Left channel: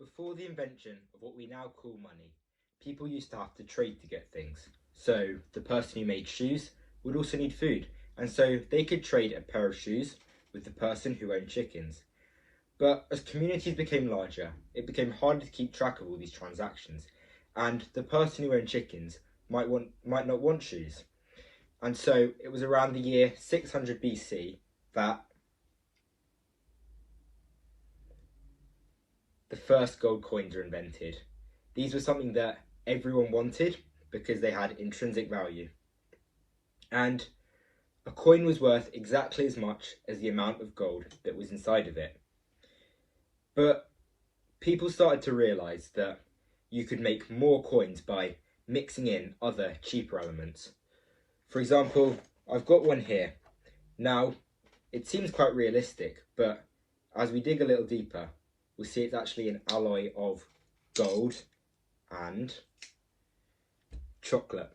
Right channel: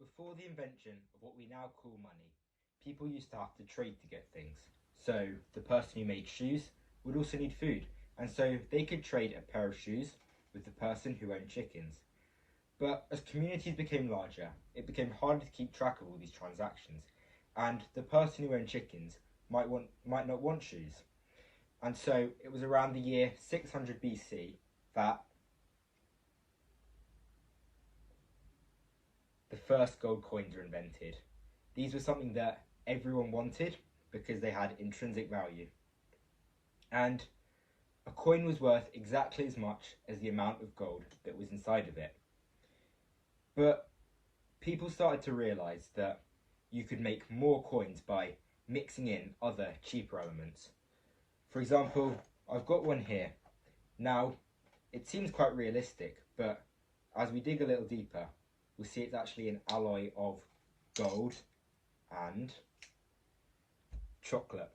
Before the invention of what we now call money, people used to have to trade to get things. So the person who made shoes would also need food, and so they could trade a pair of shoes with the person who owned chickens. But as communities became larger, it became harder to keep track of all these transactions, and the person who owned chickens might not want shoes. And so it was around the year 600 BC that the first gold coins were invented. These were something that everyone wanted because they had intrinsic value. And a coin was worth exactly as much as the amount of gold that was inside of it. But people started to realise that you could make more coins by mixing in other cheaper elements. For example, I've got one here. Now, it seems quite realistic, but as we dig a little deeper, we'll see it's actually an alloy of gold and chocolate.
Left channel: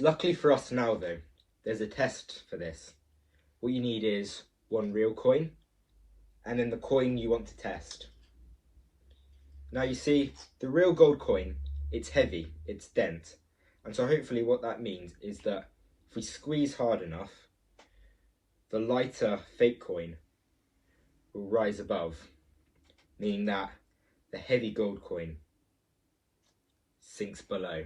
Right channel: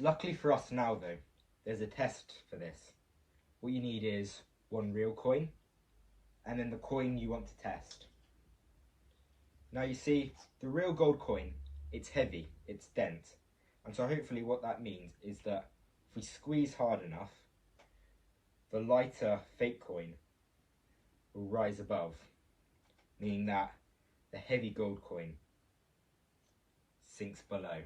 Luckily for us now though, there's a test for this. What you need is one real coin and then the coin you want to test. Now you see, the real gold coin, it's heavy, it's dense, and so hopefully what that means is that if we squeeze hard enough, the lighter fake coin will rise above, meaning that the heavy gold coin sinks below.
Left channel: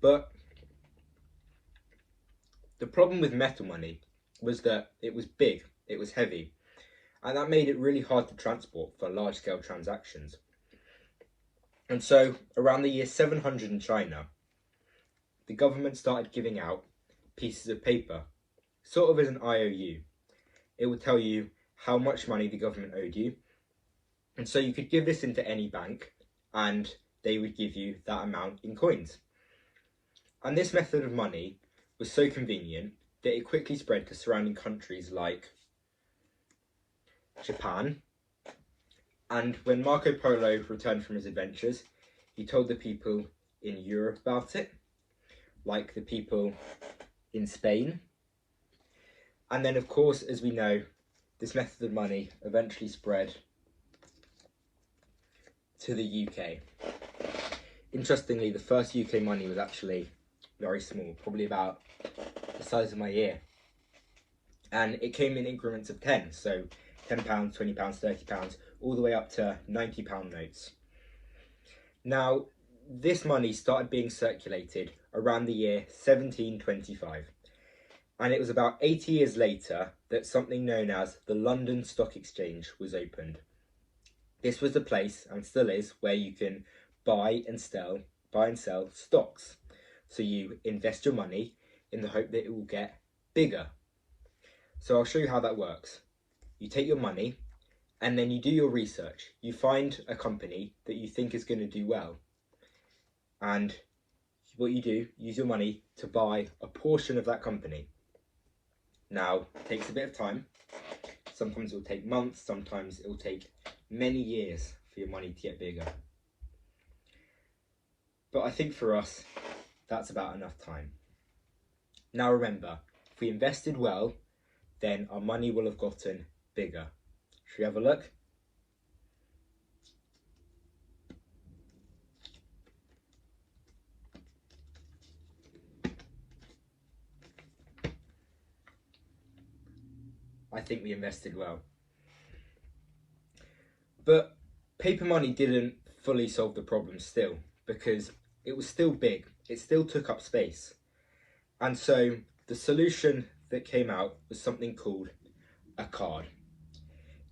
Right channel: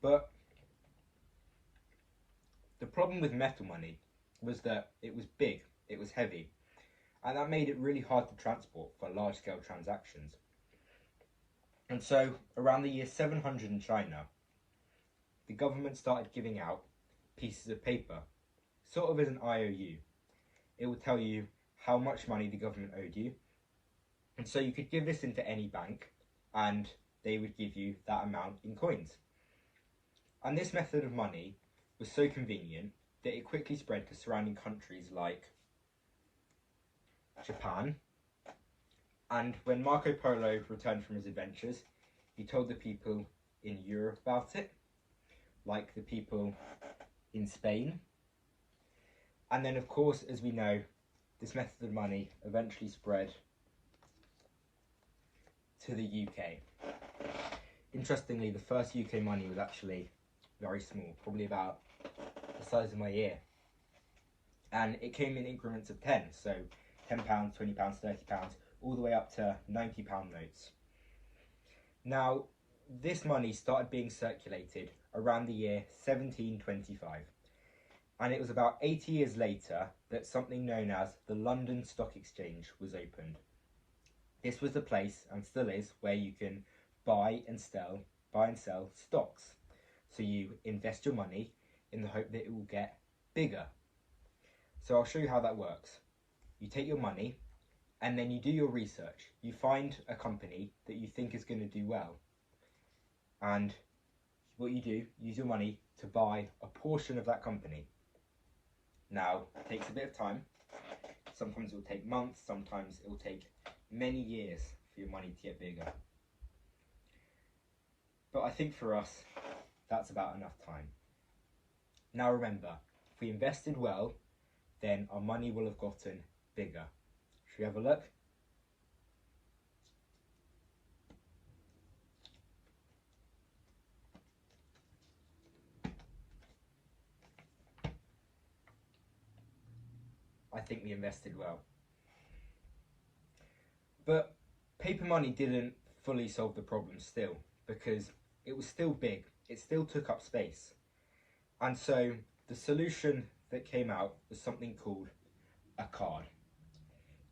But the problem with metal money was that it was big, it was heavy, and that made it really hard to transport for large-scale transactions. And so, around the year 700 in China, the government started giving out pieces of paper, sort of as an IOU. It would tell you how much money the government owed you, and so you could give this into any bank, and they would give you that amount in coins. And this method of money was so convenient that it quickly spread to surrounding countries like Japan. And when Marco Polo returned from his adventures, he told the people in Europe about it, like the people in Spain. And then, of course, as we know, this method of money eventually spread to the UK. Interestingly, the first UK money was actually very small, probably about the size of my ear. And it came in increments of 10, so £10, £20, £30, all the way up to £90 notes. Now, this money started being circulated around the year 1725. And it was about 80 years later that something known as the London Stock Exchange was opened. This was the place, and still is, where you can buy and sell stocks. So you invest your money in the hope that it will get bigger. So I'll show you how that works. You take your money and then you do your research. You find a company that you think is going to do well. And what you do, use your money to buy a portion of that company. Now, it takes a bit of time. Sometimes it will take months, sometimes it will take many years for your money to get bigger. But I think for us, that's about enough time. Now remember, if we invested well, then our money will have gotten bigger. Should we have a look? I think we invested well. But paper money didn't fully solve the problem still, because it was still big, it still took up space. And so the solution that came out was something called a card.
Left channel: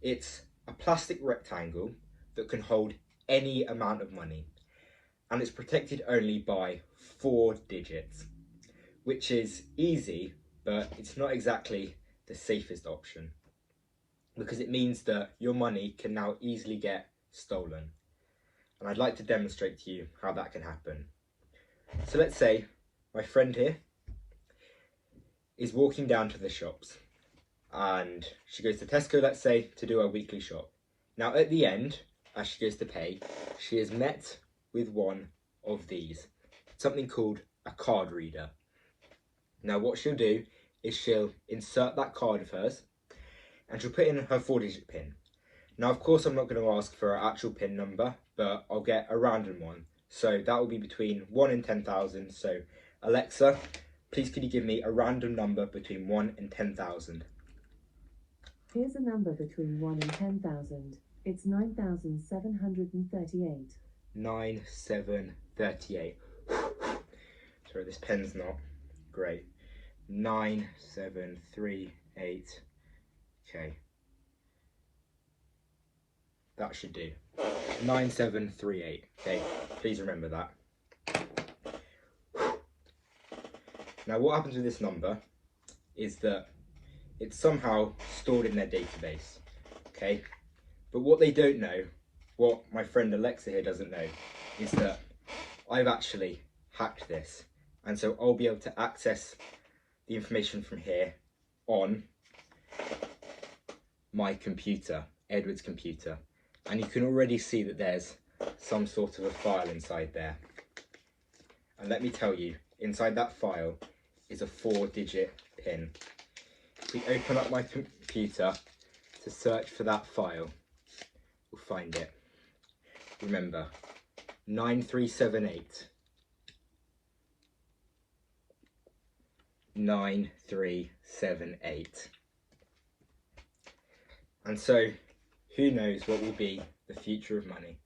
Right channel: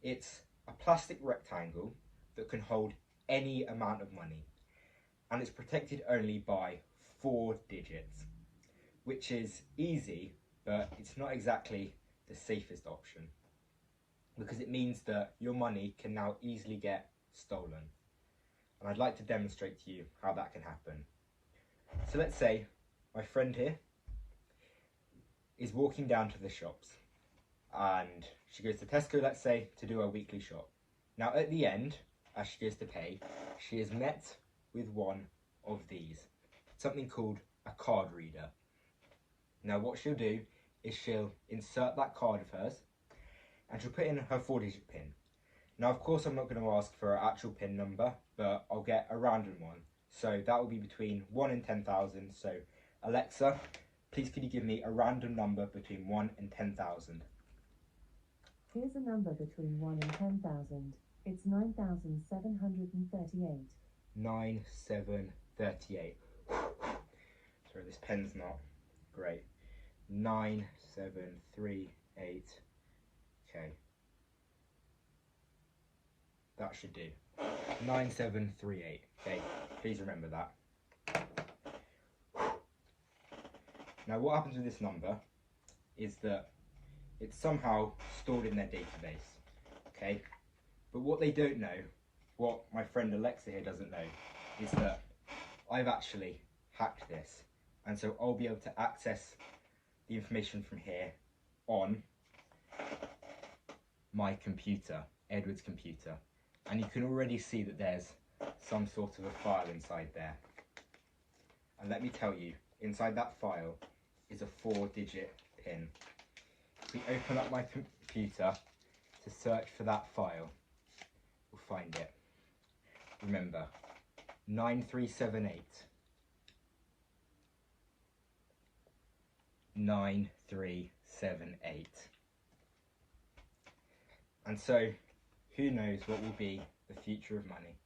It's a plastic rectangle that can hold any amount of money, and it's protected only by 4 digits, which is easy, but it's not exactly the safest option, because it means that your money can now easily get stolen. And I'd like to demonstrate to you how that can happen. So let's say my friend here is walking down to the shops, and she goes to Tesco, let's say, to do her weekly shop. Now at the end, as she goes to pay, she is met with one of these, something called a card reader. Now what she'll do is she'll insert that card of hers and she'll put in her 4-digit PIN. Now, of course, I'm not going to ask for her actual PIN number, but I'll get a random one. So that will be between 1 and 10,000. So Alexa, please could you give me a random number between 1 and 10,000? Here's a number between 1 and 10,000. It's 9,738. 9,738. Sorry, this pen's not great. 9,738. Okay. That should do. 9,738. Okay, please remember that. Now, what happens with this number is that it's somehow stored in their database. Okay, but what they don't know, what my friend Alexa here doesn't know, is that I've actually hacked this, and so I'll be able to access the information from here on my computer, Edward's computer, and you can already see that there's some sort of a file inside there. And let me tell you, inside that file is a 4-digit PIN. If we open up my computer to search for that file, we'll find it. Remember, 9378. 9378. And so, who knows what will be the future of money?